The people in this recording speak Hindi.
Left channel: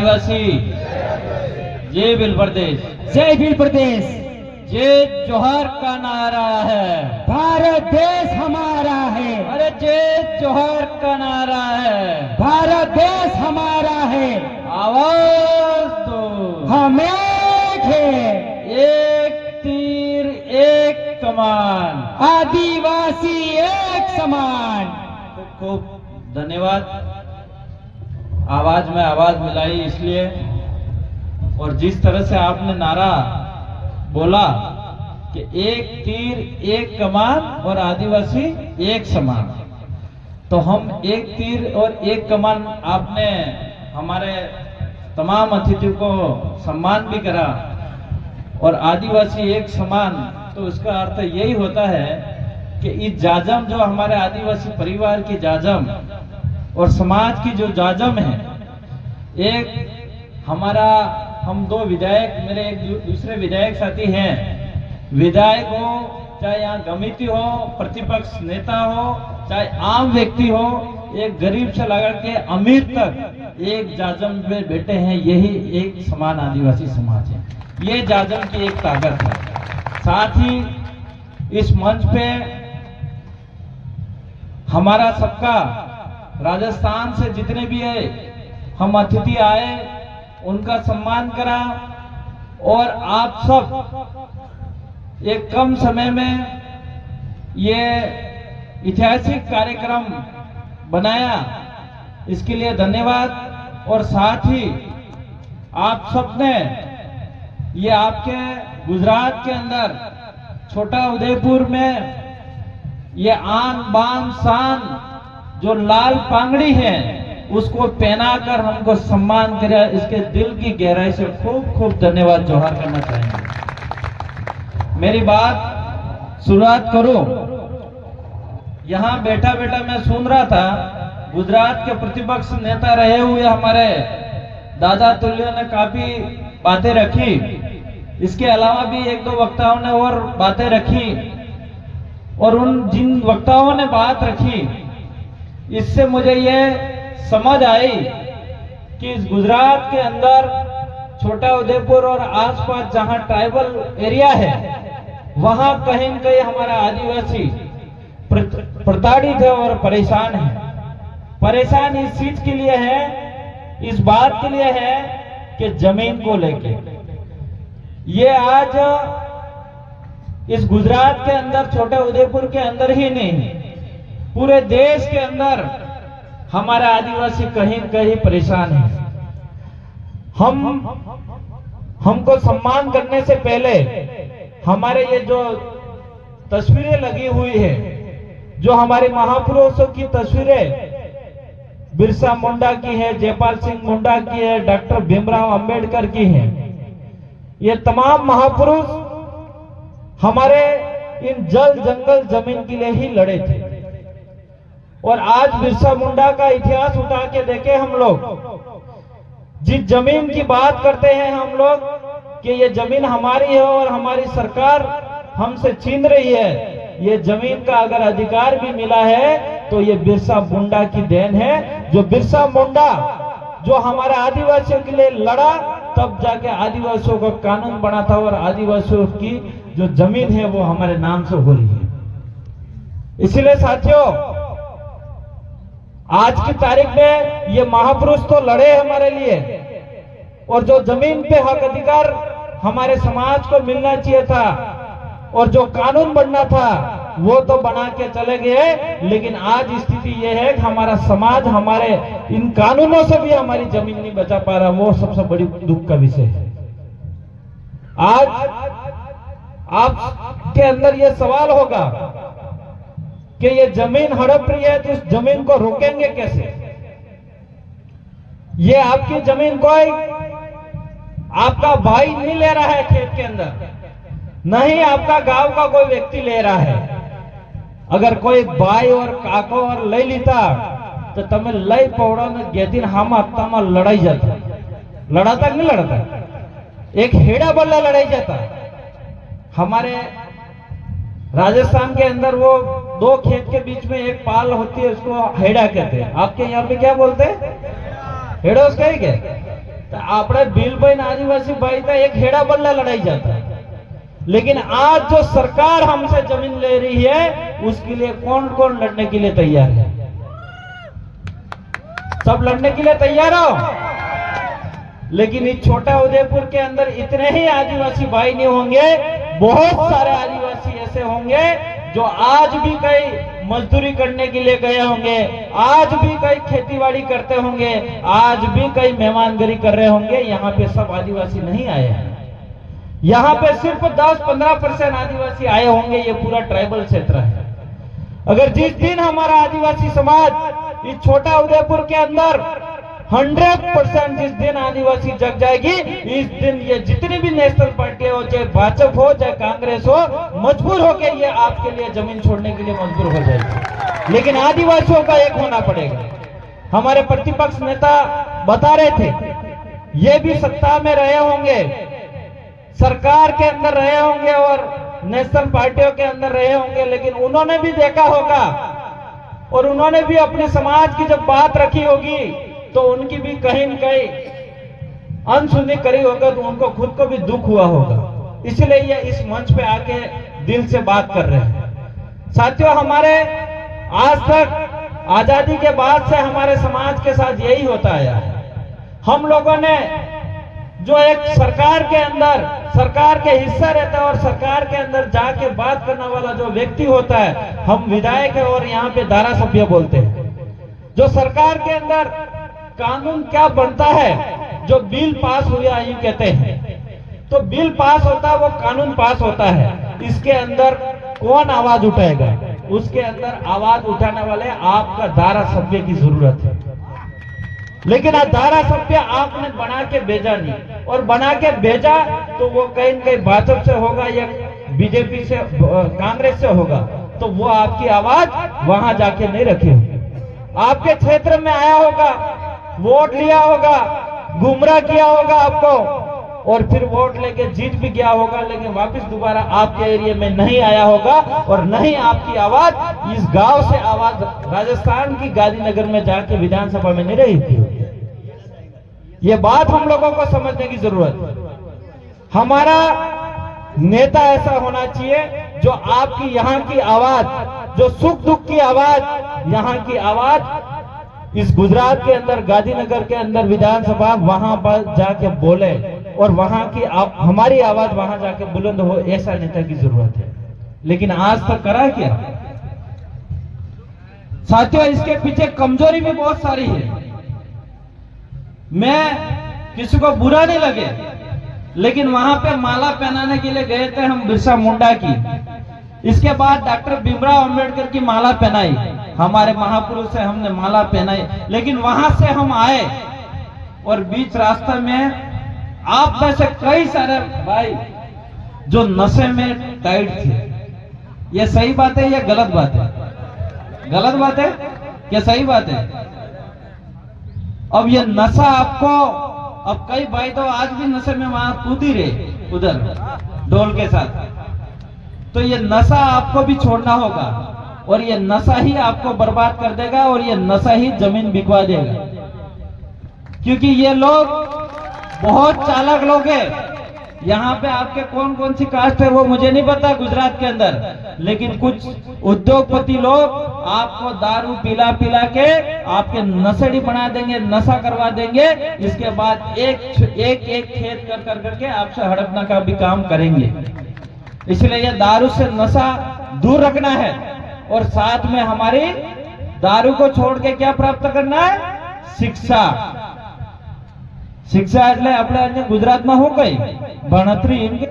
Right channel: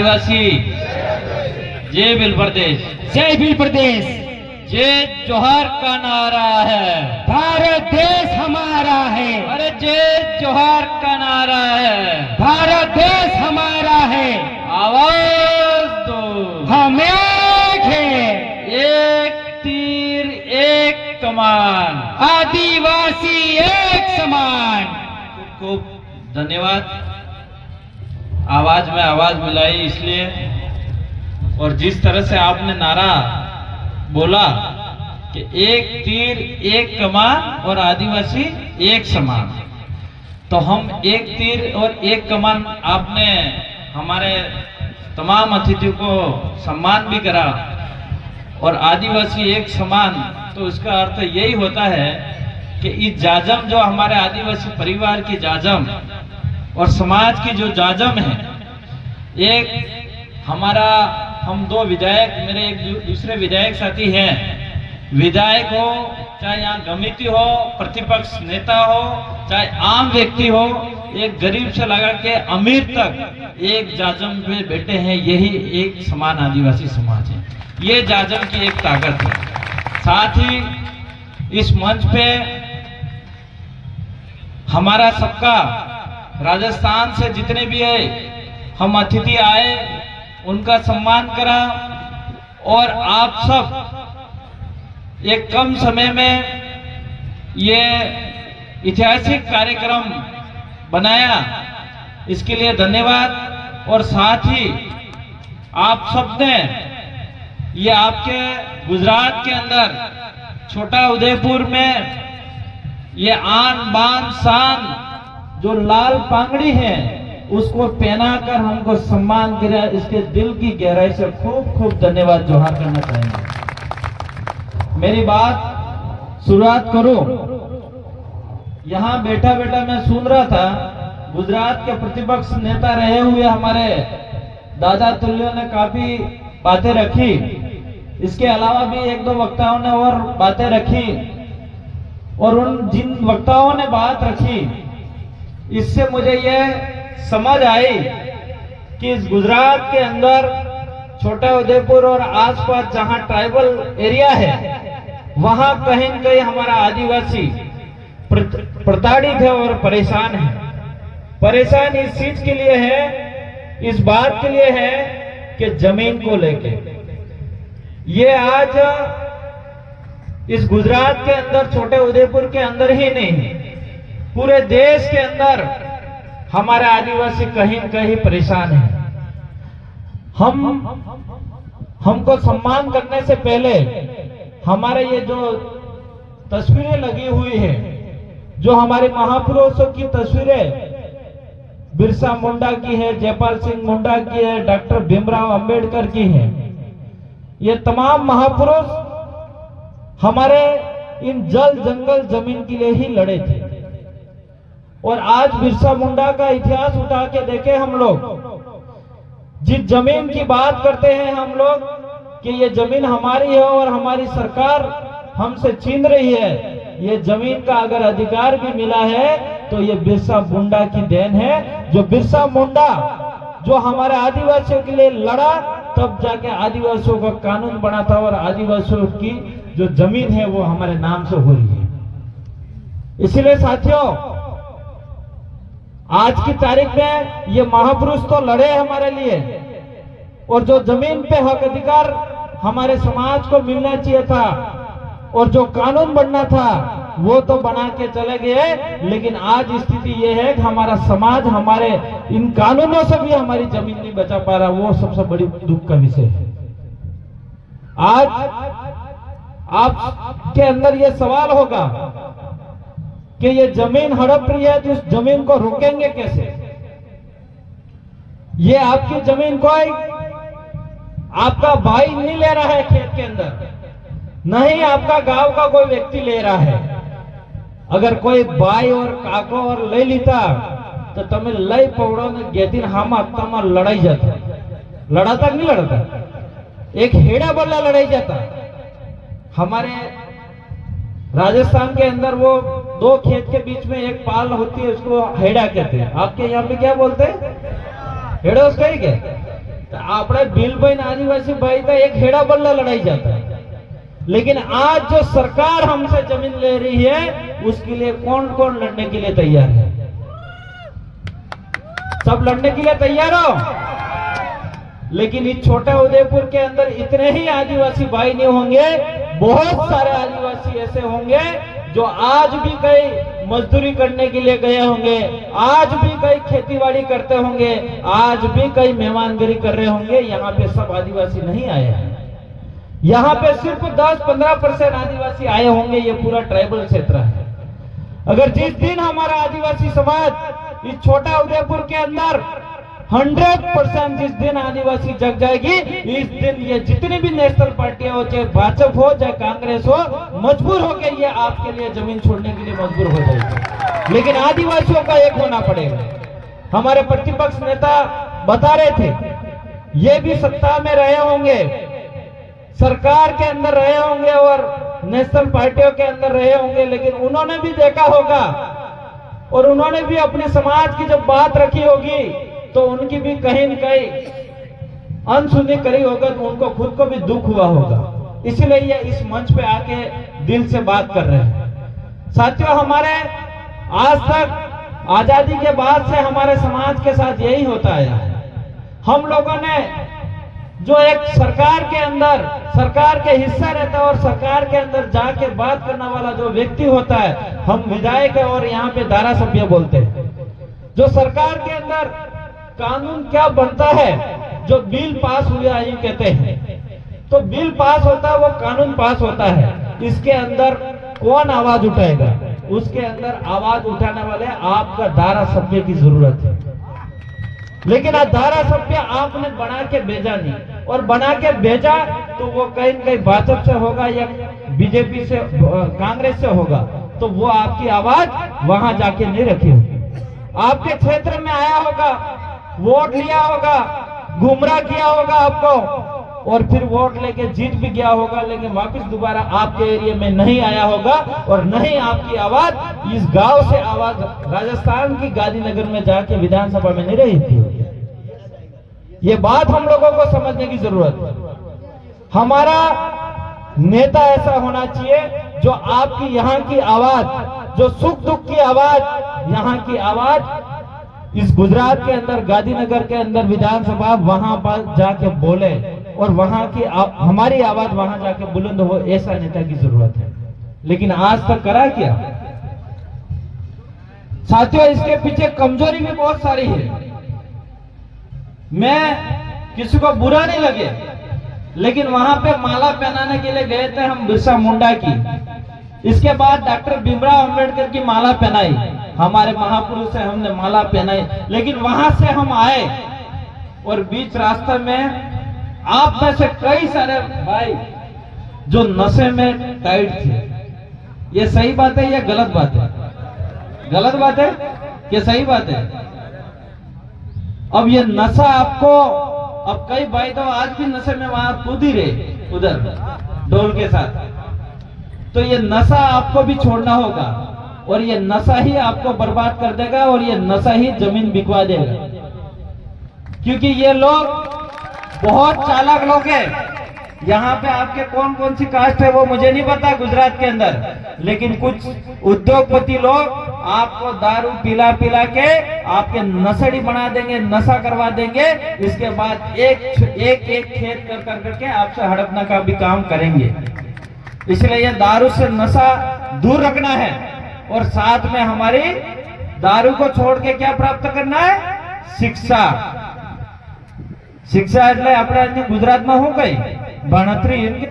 आदिवासी जय भील प्रदेश, जय भील प्रदेश। जय जोहर का नारा है, भारत देश हमारा है। अरे जय जोहर का नारा है, भारत देश हमारा है। आवाज दो, हम एक है, एक तीर एक कमान, आदिवासी एक समान। खूब खूब धन्यवाद। आवाज में आवाज मिलाई इसलिए, और जिस तरह से आपने नारा बोला कि एक तीर एक कमान और आदिवासी एक समान, तो हम एक तीर और एक कमान, आपने हमारे तमाम अतिथियों को सम्मान भी करा, और आदिवासी एक समान, तो इसका अर्थ यही होता है कि इस जाजम जो हमारे आदिवासी परिवार की जाजम और समाज की जो जाजम है, एक हमारा, हम दो विधायक, मेरे एक दूसरे विधायक साथी हैं, विधायक हो चाहे यहाँ गमिती हो, प्रतिपक्ष नेता हो चाहे आम व्यक्ति हो, एक गरीब से लगा के अमीर तक एक जाजम में बैठे हैं। यही एक समान आदिवासी समाज है, ये जाजम की एक ताकत है। साथ ही इस मंच पे हमारा सबका, राजस्थान से जितने भी है हम अतिथि आए, उनका सम्मान करा, और आप सब एक कम समय में ये ऐतिहासिक कार्यक्रम बनाया, इसके लिए धन्यवाद। और साथ ही आप सबने ये आपके गुजरात के अंदर छोटा उदयपुर में ये आन बान शान जो लाल पागड़ी है उसको पहनाकर हमको सम्मान किया, इसके दिल की गहराई से खूब खूब धन्यवाद जोहार करना चाहेंगे। मेरी बात शुरुआत करूं, यहां बैठा बैठा मैं सुन रहा था, गुजरात के प्रतिपक्ष नेता रहे हुए हमारे दादा तुल्य ने काफी बातें रखी, इसके अलावा भी एक दो वक्ताओं ने और बातें रखी, और उन जिन वक्ताओं ने बात रखी इससे मुझे यह समझ आई कि इस गुजरात के अंदर छोटा उदयपुर और आसपास जहां ट्राइबल एरिया है, वहां कहीं न कहीं हमारा आदिवासी प्रताड़ित है और परेशान है। परेशान इस चीज के लिए है, इस बात के लिए है कि जमीन को लेके ये आज इस गुजरात के अंदर, छोटे उदयपुर के अंदर ही नहीं, पूरे देश के अंदर हमारे आदिवासी कहीं न कहीं परेशान है। हमको सम्मान करने से पहले हमारे ये जो तस्वीरें लगी हुई है, जो हमारे महापुरुषों की तस्वीरें, बिरसा मुंडा की है, जयपाल सिंह मुंडा की है, डॉक्टर भीमराव अंबेडकर की है, ये तमाम महापुरुष हमारे इन जल जंगल जमीन के लिए ही लड़े थे। और आज बिरसा मुंडा का इतिहास उठा के देखें हम लोग, जिस जमीन की बात करते हैं हम लोग कि ये जमीन हमारी है और हमारी सरकार हमसे छीन रही है, ये जमीन का अगर अधिकार भी मिला है तो ये बिरसा मुंडा की देन है। जो बिरसा मुंडा जो हमारे आदिवासियों के लिए लड़ा, तब जाके आदिवासियों का कानून बना था, और आदिवासियों की जो जमीन है वो हमारे नाम से हो रही है। इसलिए साथियों, आज की तारीख में ये महापुरुष तो लड़े हमारे लिए, और जो जमीन पे हक अधिकार हमारे समाज को मिलना चाहिए था और जो कानून बनना था वो तो बना के चले गए, लेकिन आज स्थिति ये है कि हमारा समाज हमारे इन कानूनों से भी हमारी जमीन नहीं बचा पा रहा। वो सबसे बड़ी दुख का विषय है। आज आपके अंदर ये सवाल होगा कि ये जमीन हड़प रही है, तो इस जमीन को रोकेंगे कैसे? ये आपकी जमीन कोई आपका भाई नहीं ले रहा है खेत के अंदर, नहीं आपका गांव का कोई व्यक्ति ले रहा है। अगर कोई भाई और काको और ले लेता तो तमें लई पौड़ा ने गेदिन हम तम लड़ाई जाता, लड़ाता नहीं लड़ता, एक हेड़ा बल्ला लड़ाई जाता। हमारे राजस्थान के अंदर वो दो खेत के बीच में एक पाल होती है, उसको हेड़ा कहते हैं। आपके यहाँ पे क्या बोलते हैं? हेड़ा उसका ही क्या? तो આપણે ભીલભાઈ આદિવાસી ભાઈ तो एक हेड़ा बल्ला लड़ाई जाता है। लेकिन आज जो सरकार हमसे जमीन ले रही है उसके लिए कौन कौन लड़ने के लिए तैयार है? सब लड़ने के लिए तैयार हो। लेकिन इस छोटा उदयपुर के अंदर इतने ही आदिवासी भाई नहीं होंगे, बहुत सारे आदिवासी ऐसे होंगे जो आज भी कई मजदूरी करने के लिए गए होंगे, आज भी कई खेतीबाड़ी करते होंगे, आज भी कई मेहमानगिरी कर रहे होंगे। यहाँ पे सब आदिवासी नहीं आए हैं, यहाँ पे सिर्फ 10-15% आदिवासी आए होंगे। ये पूरा ट्राइबल क्षेत्र है। अगर जिस दिन हमारा आदिवासी समाज इस छोटा उदयपुर के अंदर 100% जिस दिन आदिवासी जग जाएगी, इस दिन ये जितनी भी नेशनल पार्टियां हो, चाहे भाजपा हो चाहे कांग्रेस हो, मजबूर होकर ये आपके लिए जमीन छोड़ने के लिए मजबूर हो जाएगी। लेकिन आदिवासियों का एक होना पड़ेगा। हमारे प्रतिपक्ष नेता बता रहे थे, ये भी सत्ता में रहे होंगे, सरकार के अंदर रहे होंगे और नेशनल पार्टियों के अंदर रहे होंगे, लेकिन उन्होंने भी देखा होगा और उन्होंने भी अपने समाज की जब बात रखी होगी तो उनकी भी कहीं न कहीं अनसुनी करी होगा, तो उनको खुद को भी दुख हुआ होगा। इसलिए ये इस मंच पे आके दिल से बात कर रहे हैं। साथियों, हमारे आज तक आजादी के बाद से हमारे समाज के साथ यही होता आया है। हम लोगों ने जो एक सरकार के अंदर सरकार के हिस्सा रहता है और सरकार के अंदर जाके बात करने वाला जो व्यक्ति होता है, हम विधायक और यहाँ पे धारा सभ्य बोलते हैं। जो सरकार के अंदर कानून क्या बनता है, जो बिल पास हुआ यूं कहते हैं, तो बिल पास होता है, वो कानून पास होता है। इसके अंदर कौन आवाज उठाएगा? उसके अंदर आवाज उठाने वाले आपका धारा सभ्य की जरूरत है। लेकिन आज धारा सभ्य आपने बना के भेजा नहीं, और बना के भेजा तो वो कहीं न कहीं भाजपा से होगा या बीजेपी से कांग्रेस से होगा, तो वो आपकी आवाज वहां जाके नहीं रखी होगी। आपके क्षेत्र में आया होगा, वोट लिया होगा, गुमराह किया होगा आपको, और फिर वोट लेके जीत भी गया होगा, लेकिन वापस दोबारा आपके एरिया में नहीं आया होगा और नहीं आपकी आवाज इस गांव से आवाज राजस्थान की गांधीनगर में जाके विधानसभा में नहीं रही थी। ये बात हम लोगों को समझने की जरूरत है। हमारा नेता ऐसा होना चाहिए जो आपकी यहाँ की आवाज, जो सुख दुख की आवाज, यहाँ की आवाज इस गुजरात के अंदर गांधीनगर के अंदर विधानसभा वहां पर जाके बोले और वहां की हमारी आवाज वहां जाके बुलंद हो, ऐसा नेता की जरूरत है। लेकिन आज तक करा क्या? साथियों, इसके पीछे कमजोरी भी बहुत सारी है। मैं किसी को बुरा नहीं लगे, लेकिन वहां पे माला पहनाने के लिए गए थे हम बिरसा मुंडा की, इसके बाद डॉक्टर भीमराव अंबेडकर की माला पहनाई, हमारे महापुरुष है, हमने माला पहनाई। लेकिन वहां से हम आए और बीच रास्ते में आप में से कई सारे भाई जो नशे में टाइट थे। ये सही बात है या गलत बात है? गलत बात है या सही बात है? अब ये नशा आपको, अब कई भाई तो आज भी नशे में वहां कूद ही रहे उधर ढोल के साथ, तो ये नशा आपको भी छोड़ना होगा और ये नशा ही आपको बर्बाद कर देगा और ये नशा ही जमीन बिकवा देगा। क्योंकि ये लोग बहुत चालाक लोग हैं। यहाँ पे आपके कौन कौन सी कास्ट है वो मुझे नहीं पता गुजरात के अंदर, लेकिन कुछ उद्योगपति लोग आपको दारू पिला पिला के आपके नशेड़ी बना देंगे, नशा करवा देंगे। इसके बाद एक खेत कर करके आपसे हड़पना का भी काम करेंगे। इसलिए ये दारू से नशा दूर रखना है और साथ में हमारी दारू को छोड़ के क्या प्राप्त करना है? शिक्षा। शिक्षा એટલે આપણે આજે ગુજરાતમાં શું કઈ ભણતરી એમ કે